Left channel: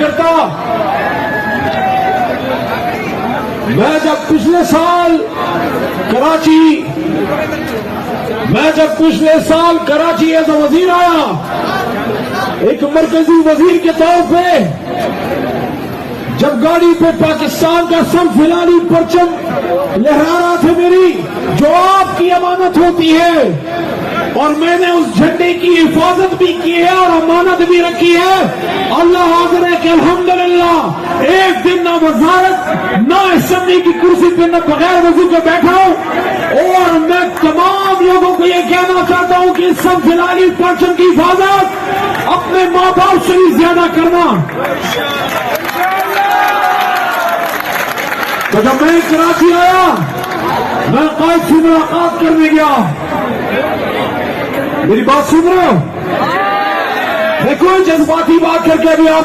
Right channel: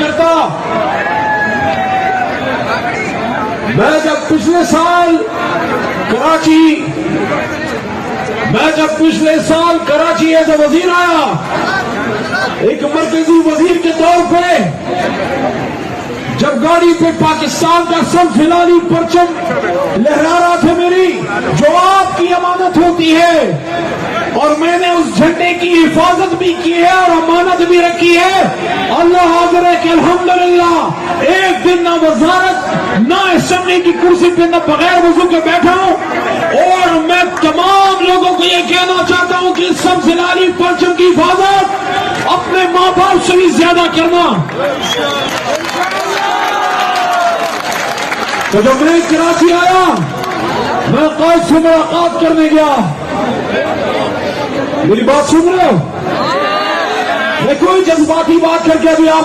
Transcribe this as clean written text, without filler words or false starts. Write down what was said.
करता। मैं जब पिछले साल कराची एज वजीर आया, एक मरकजी वजीर के तौर पे, जब गाड़ी पे पाकिस्तान का सब फिलहाली परचम लहरा रहा था मेरी, जो आपकी अमानत होती है, और मैंने उस झंडे की हिफाजत भी की है और अमानत भी रखी है। अल्लाह हाज़िर है कि अल्हम्दुलिल्लाह एक दिन ना वजारत ना असेंबली की कुर्सी पे न बगैर वजू के बैठा हूं। और मैं तमाम लोगों को यह कहना चाहता हूं कि सब फिलहाली परचम की हिफाजत अपने माँ बाप से भी ज्यादा करना। तो जब मैं कराची आया, मैं कायद से मुलाकात करने गया। मेरी बात सुन रहे हो? मैं कोई जज्बाती बात करके अभी आप